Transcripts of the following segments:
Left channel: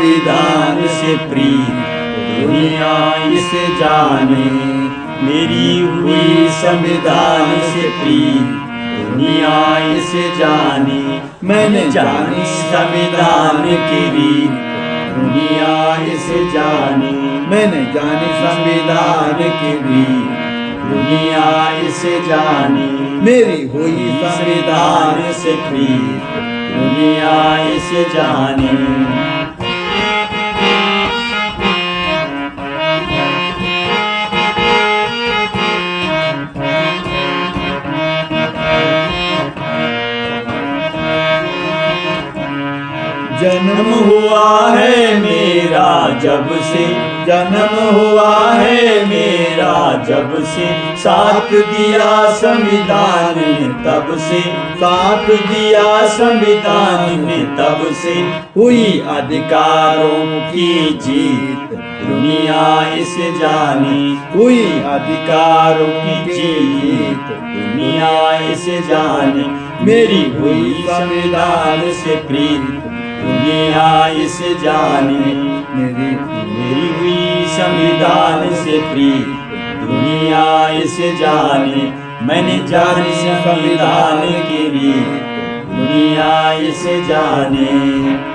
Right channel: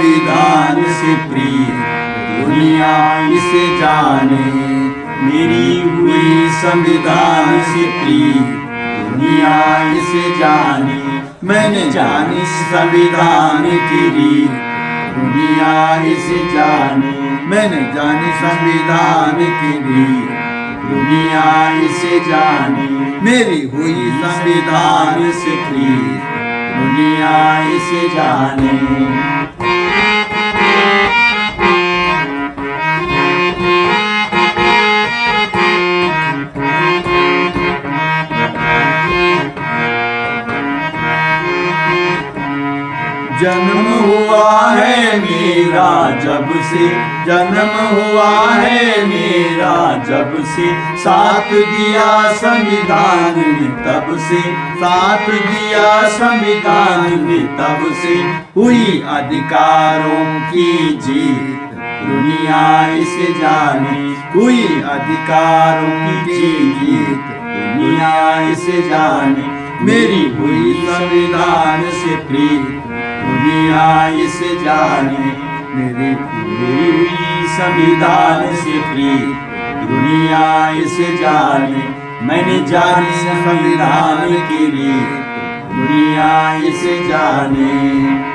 संविधान से प्रीत दुनिया इसे जाने। मेरी हुई संविधान से प्रीत दुनिया इसे जाने। मैंने जानी संविधान की रीत दुनिया इसे जाने। मैंने जानी संविधान की रीत दुनिया इसे जाने। मेरी हुई संविधान से प्रीत दुनिया इसे जाने। जन्म हुआ है मेरा जब से, जन्म हुआ है मेरा जब से, साथ दिया संविधान ने तब से, साथ दिया संविधान ने तब से। हुई अधिकारों की जीत दुनिया इसे जाने। हुई अधिकारों की जीत दुनिया इसे जाने। मेरी हुई संविधान से प्रीत दुनिया इसे जाने। मेरी हुई संविधान से प्रीत दुनिया इसे जाने। मैंने जानी संविधान की रीत दुनिया इसे जाने।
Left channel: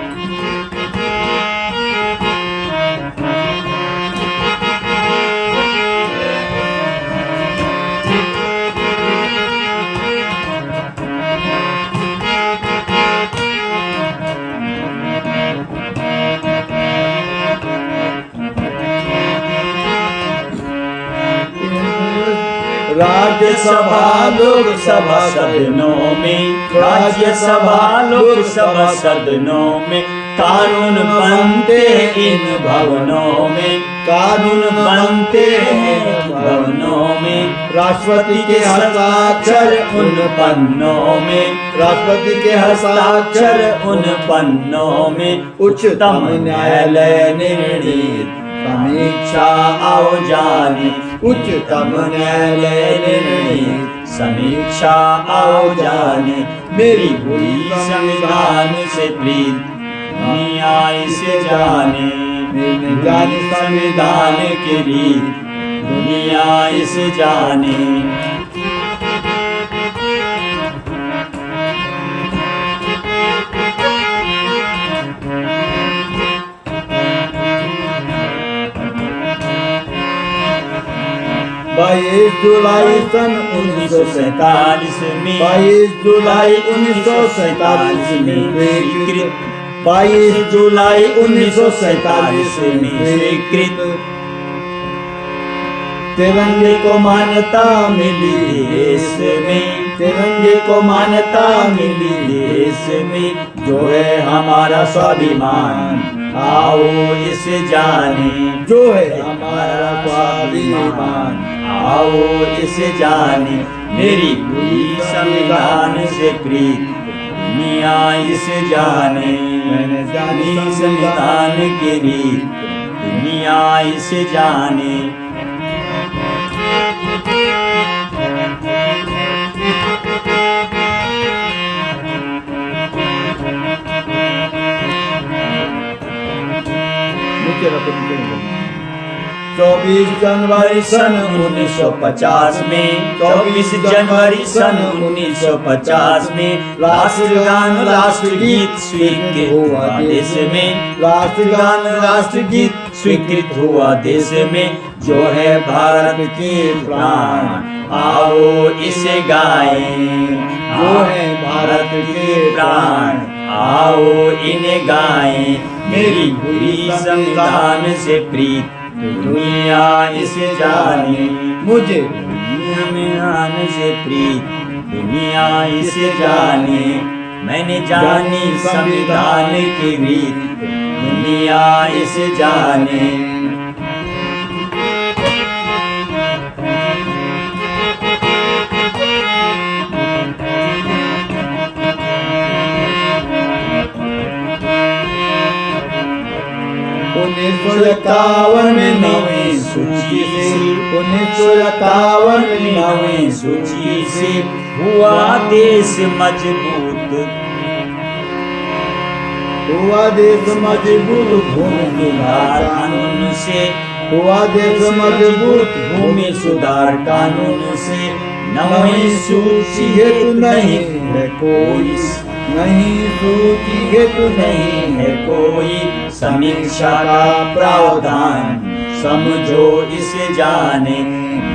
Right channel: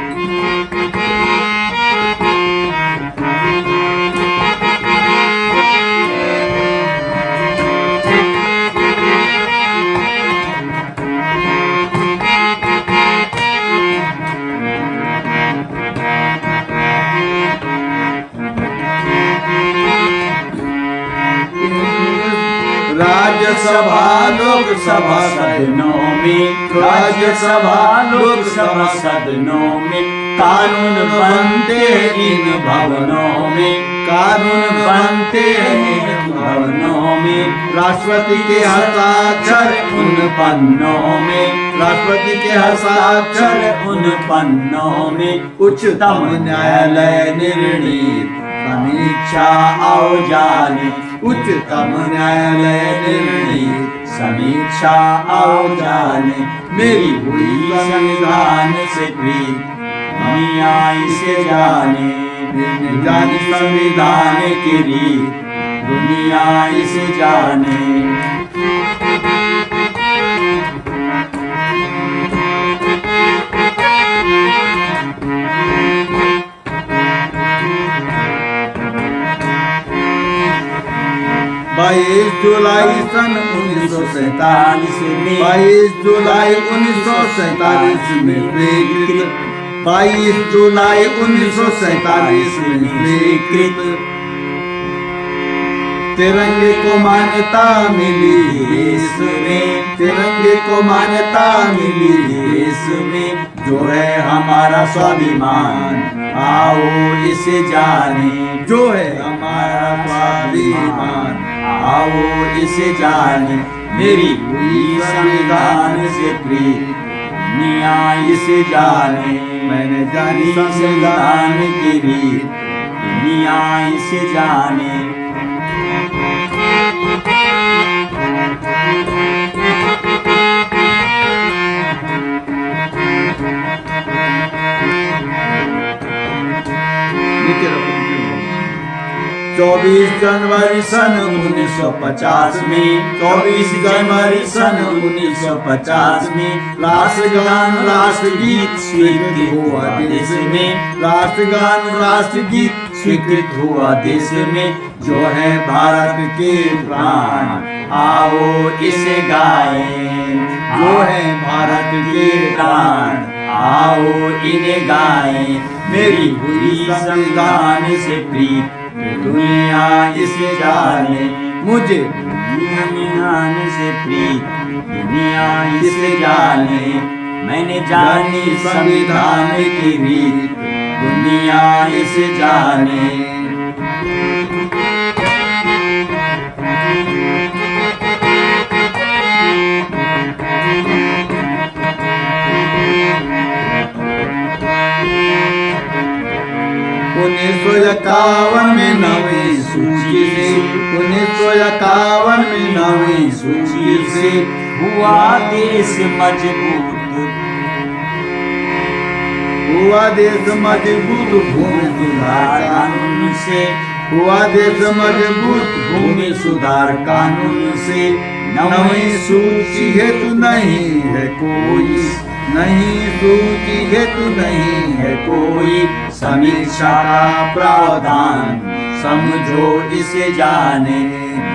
राज्यसभा लोकसभा सदनों में, राज्यसभा लोकसभा सदनों में कानून बनते इन भवनों में, कानून बनते इन भवनों में। राष्ट्रपति के हस्ताक्षर उन पन्नों में, राष्ट्रपति के हस्ताक्षर उन पन्नों में। उच्चतम न्यायालय निर्णीत समीक्षा आओ जाने। उच्चतम न्यायालय निर्णीत समीक्षा आओ जाने। मेरी हुई संविधान से प्रीत दुनिया इसे जाने। मैंने जानी संविधान की रीत दुनिया इसे जाने। बाईस जुलाई सन 1947 में, 22 जुलाई 1947 में स्वीकृत, 22 जुलाई 1947 में स्वीकृत। तिरंगे को मान्यता मिली देश में, तिरंगे को मान्यता मिली देश में। जो है हमारा स्वाभिमान आओ इसे जाने। जो है हमारा स्वाभिमान आओ इसे जाने। मेरी हुई संविधान से प्रीत दुनिया इसे जाने। मैंने जानी संविधान की रीत दुनिया इसे जाने। नीचे रखो, नीचे रखो। 24 जनवरी सन 1950 में, 24 जनवरी सन 1950 में राष्ट्रगान राष्ट्रगीत स्वीकृत हुआ देश में। राष्ट्रगान राष्ट्रगीत स्वीकृत हुआ देश में। जो है भारत के प्राण आओ इसे गाएं। जो है भारत के प्राण आओ इन्हें गाएं। मेरी हुई संविधान से प्रीत दुनिया इसे जाने। मुझे संविधान से प्रीत दुनिया इसे जाने। मैंने जानी संविधान की रीत दुनिया इसे जाने। उन्नीस सौ 51 में नवीं सूची से, 1951 में नवीं सूची से हुआ देश मजबूत। हुआ देश मजबूत भूमि सुधार कानून से, हुआ देश मजबूत भूमि सुधार कानून से। नई सूची हेतु नहीं है कोई, नई सूची हेतु नहीं है कोई, समीक्षा का प्रावधान समझो इसे जाने।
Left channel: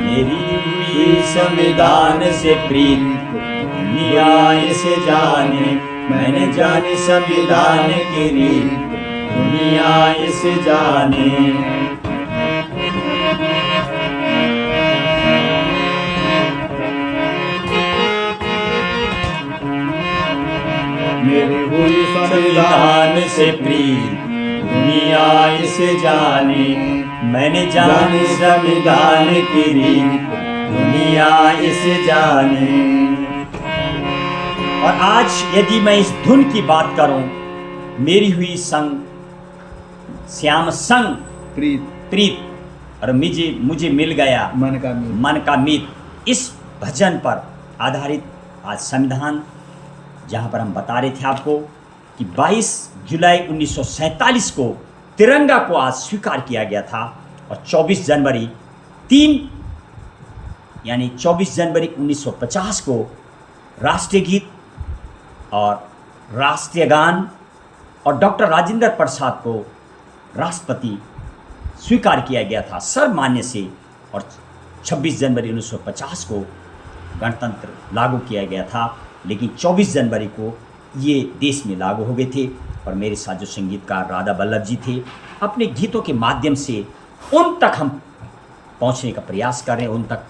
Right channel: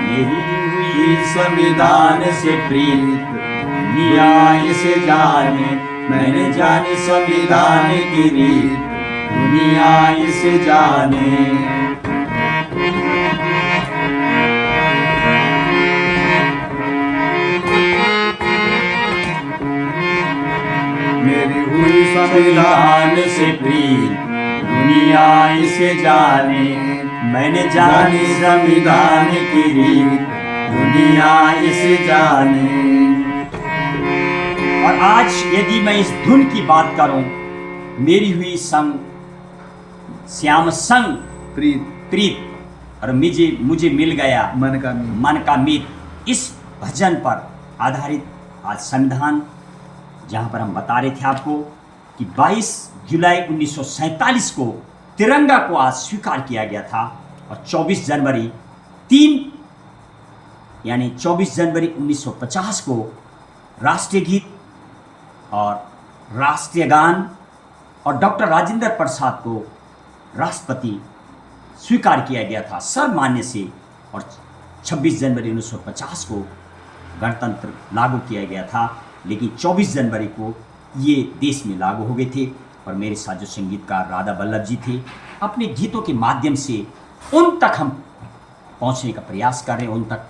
मेरी हुई संविधान से प्रीत दुनिया इसे जाने। मैंने जानी संविधान की रीत दुनिया इसे जाने। मेरी हुई संविधान से प्रीत दुनिया इसे जाने। मैंने जानी संविधान की रीत दुनिया इसे जाने। और आज यदि मैं इस धुन की बात करूं, मेरी हुई संग श्याम संग प्रीत प्रीत और मुझे मिल गया मन का मीत, इस भजन पर आधारित आज संविधान, जहां पर हम बता रहे थे आपको कि 22 जुलाई 1947 को तिरंगा को आज स्वीकार किया गया था। और 24 जनवरी 1950 को राष्ट्रीय गीत और राष्ट्रीय गान और डॉक्टर राजेंद्र प्रसाद को राष्ट्रपति स्वीकार किया गया था सर्वमान्य से। और 26 जनवरी 1950 को गणतंत्र लागू किया गया था, लेकिन 24 जनवरी को ये देश में लागू हो गए थे। और मेरे साथ जो संगीतकार राधा बल्लभ जी थे, अपने गीतों के माध्यम से उन तक हम पहुंचने का प्रयास कर रहे हैं। उन तक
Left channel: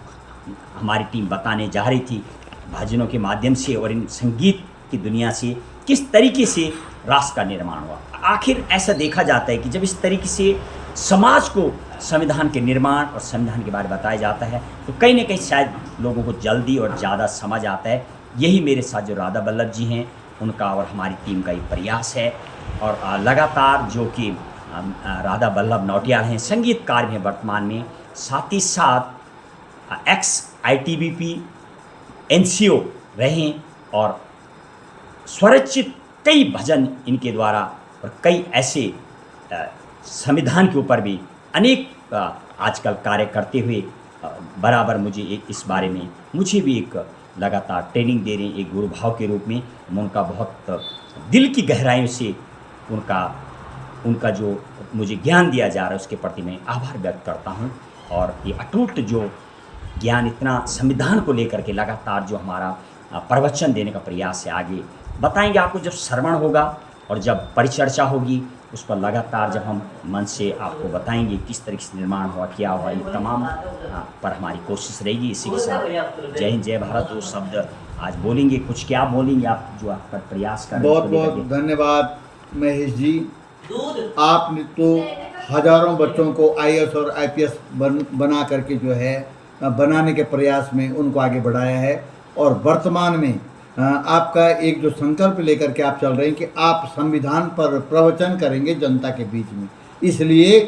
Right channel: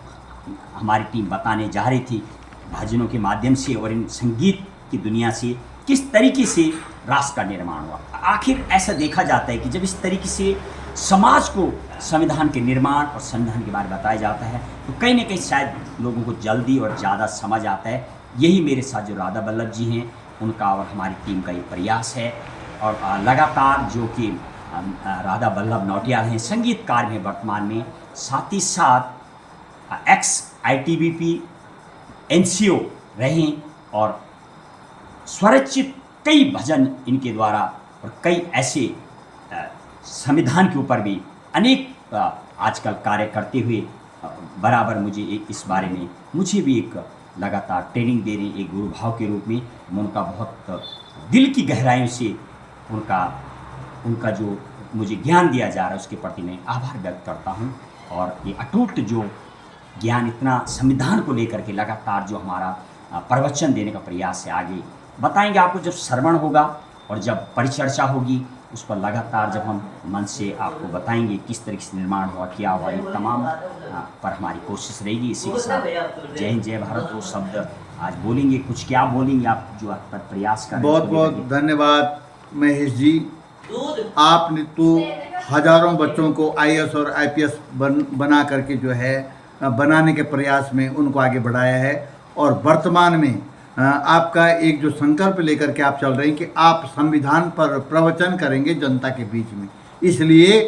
हमारी टीम बताने जा रही थी भजनों के माध्यम से और इन संगीत की दुनिया से किस तरीके से राष्ट्र का निर्माण हुआ। आखिर ऐसा देखा जाता है कि जब इस तरीके से समाज को संविधान के निर्माण और संविधान के बारे में बताया जाता है, तो कहीं ना कहीं शायद लोगों को जल्दी और ज़्यादा समझ आता है। यही मेरे साथ जो राधा बल्लभ जी हैं, उनका और हमारी टीम का ये प्रयास है। और लगातार जो कि राधा बल्लभ नौटियाल हैं, संगीतकार हैं वर्तमान में, साथ ही साथ एक्स ITBP NCO रहे और स्वरचित कई भजन इनके द्वारा और कई ऐसे संविधान के ऊपर भी अनेक आजकल कार्य करते हुए बराबर मुझे इस बारे में मुझे भी एक लगातार ट्रेनिंग दे रहे हैं, एक गुरु भाव के रूप में। मैं उनका बहुत दिल की गहराइयों से उनका जो मुझे ज्ञान दिया जा रहा है उसके प्रति मैं आभार व्यक्त करता हूं। और ये अटूट जो ज्ञान इतना संविधान को लेकर के लगातार जो हमारा प्रवचन देने का प्रयास है, आगे बताएंगे आपको जब श्रवण होगा और जब परिचर्चा होगी, उस पर लगातार जब हम मन से आपको बताएंगे किस तरीके से निर्माण हुआ, क्या हुआ, ये तमाम पर हमारी कोशिश रहेगी। इसी के साथ जय हिंद जय भारत 2 शब्द आज बोलेंगे। कुछ क्या बोलेंगे आप जो आप पर प्रयास कर रहे हैं? बहुत बहुत धन्यवाद महेश जी। आपने तो हजारों बच्चों को IAS और IPS बना करके जो है बनाने के प्रयास में उनको आगे बढ़ाया है। और वर्तमान में आपका एक जो संकल्प लेकर के आप चल रहे हैं कि आप संविधान पर प्रवचन करेंगे जनता के बीच में, इसलिए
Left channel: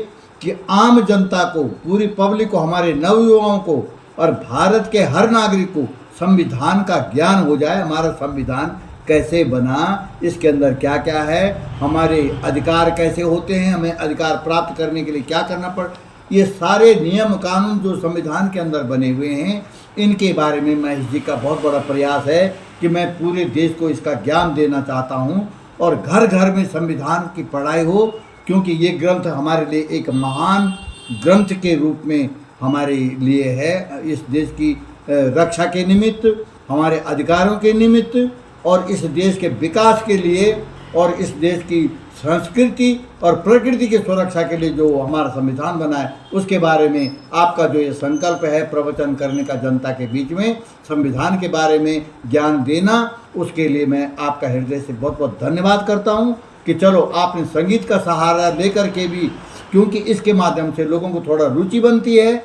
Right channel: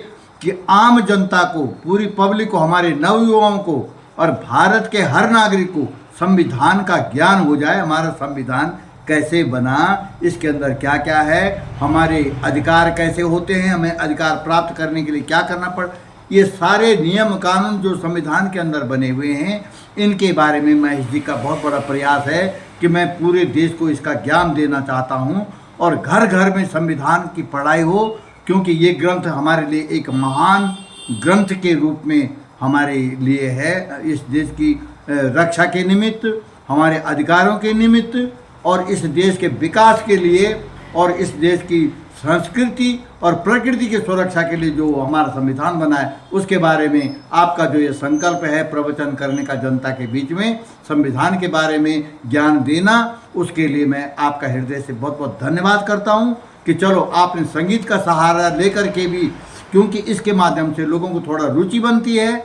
कि आम जनता को, पूरी पब्लिक को, हमारे नवयुवाओं को और भारत के हर नागरिक को संविधान का ज्ञान हो जाए। हमारा संविधान कैसे बना, इसके अंदर क्या क्या है, हमारे अधिकार कैसे होते हैं, हमें अधिकार प्राप्त करने के लिए क्या करना पड़, ये सारे नियम कानून जो संविधान के अंदर बने हुए हैं, इनके बारे में महेश जी का बहुत बड़ा प्रयास है कि मैं पूरे देश को इसका ज्ञान देना चाहता हूँ और घर घर में संविधान की पढ़ाई हो, क्योंकि ये ग्रंथ हमारे लिए एक महान ग्रंथ के रूप में हमारे लिए है। इस देश की रक्षा के निमित्त, हमारे अधिकारों के निमित्त और इस देश के विकास के लिए और इस देश की संस्कृति और प्रकृति की सुरक्षा के लिए जो हमारा संविधान बना है, उसके बारे में आपका जो ये संकल्प है प्रवचन करने का, जनता के बीच में संविधान के बारे में ज्ञान देना, उसके लिए मैं आपका हृदय से बहुत बहुत धन्यवाद करता हूँ कि चलो आपने संगीत का सहारा लेकर के भी, क्योंकि इसके माध्यम से लोगों को थोड़ा रुचि बनती है।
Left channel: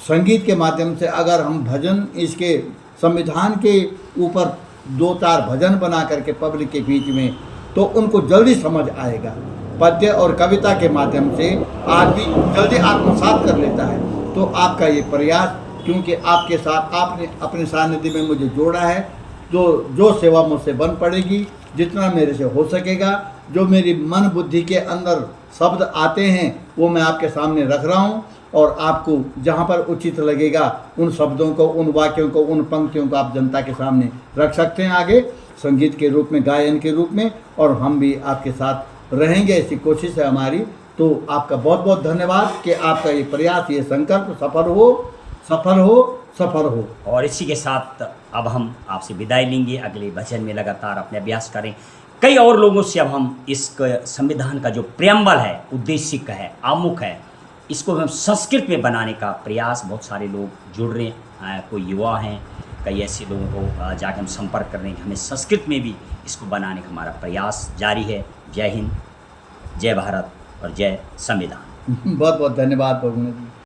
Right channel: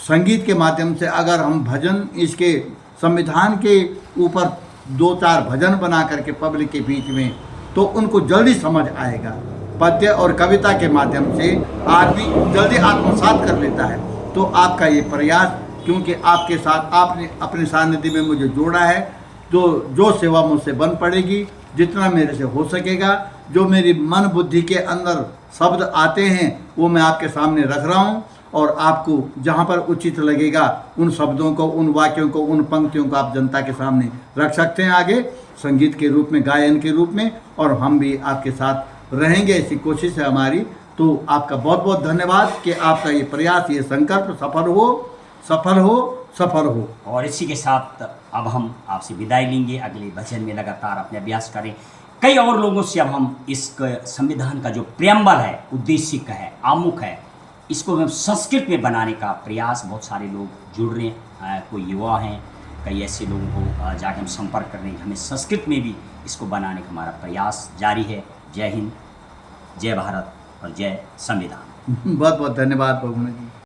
संगीत के माध्यम से अगर हम भजन, इसके संविधान के ऊपर 2-4 भजन बना करके पब्लिक के बीच में, तो उनको जल्दी समझ आएगा। पद्य और कविता के माध्यम से आदमी जल्दी आत्मसात कर लेता है। तो आपका ये प्रयास, क्योंकि आपके साथ आपने अपने सानिध्य में मुझे जोड़ा है, तो जो सेवा मुझसे बन पड़ेगी, जितना मेरे से हो सकेगा जो मेरी मन बुद्धि के अंदर शब्द आते हैं वो मैं आपके सामने रख रहा हूँ, और आपको जहाँ पर उचित लगेगा उन शब्दों को, उन वाक्यों को, उन पंक्तियों को आप जनता के सामने रख सकते हैं आगे संगीत के रूप में, गायन के रूप में, और हम भी आपके साथ रहेंगे, ऐसी कोशिश है हमारी। तो आपका बहुत बहुत धन्यवाद कि आपका ये प्रयास, ये संकल्प सफल हो, सफल हो, सफल हो। और इसी के साथ अब हम आपसे विदाई लेंगे, अगले भजन में लगातार अपने अभ्यास करें। कई और लोगों से अब हम इस संविधान का जो प्रेम्बल है, उद्देशिक है, आमुख है, इसको हम संस्कृत में बनाने का प्रयास, बहुत सारे लोग जुड़ रहे हैं, कोई युवा हैं, कई ऐसे लोगों को जाके हम संपर्क कर रहे हैं कि हमें संस्कृत में भी इसको बनाने का हमारा प्रयास जारी है। जय हिंद, जय भारत और जय संविधान। बहुत बहुत धन्यवाद भगवान जी।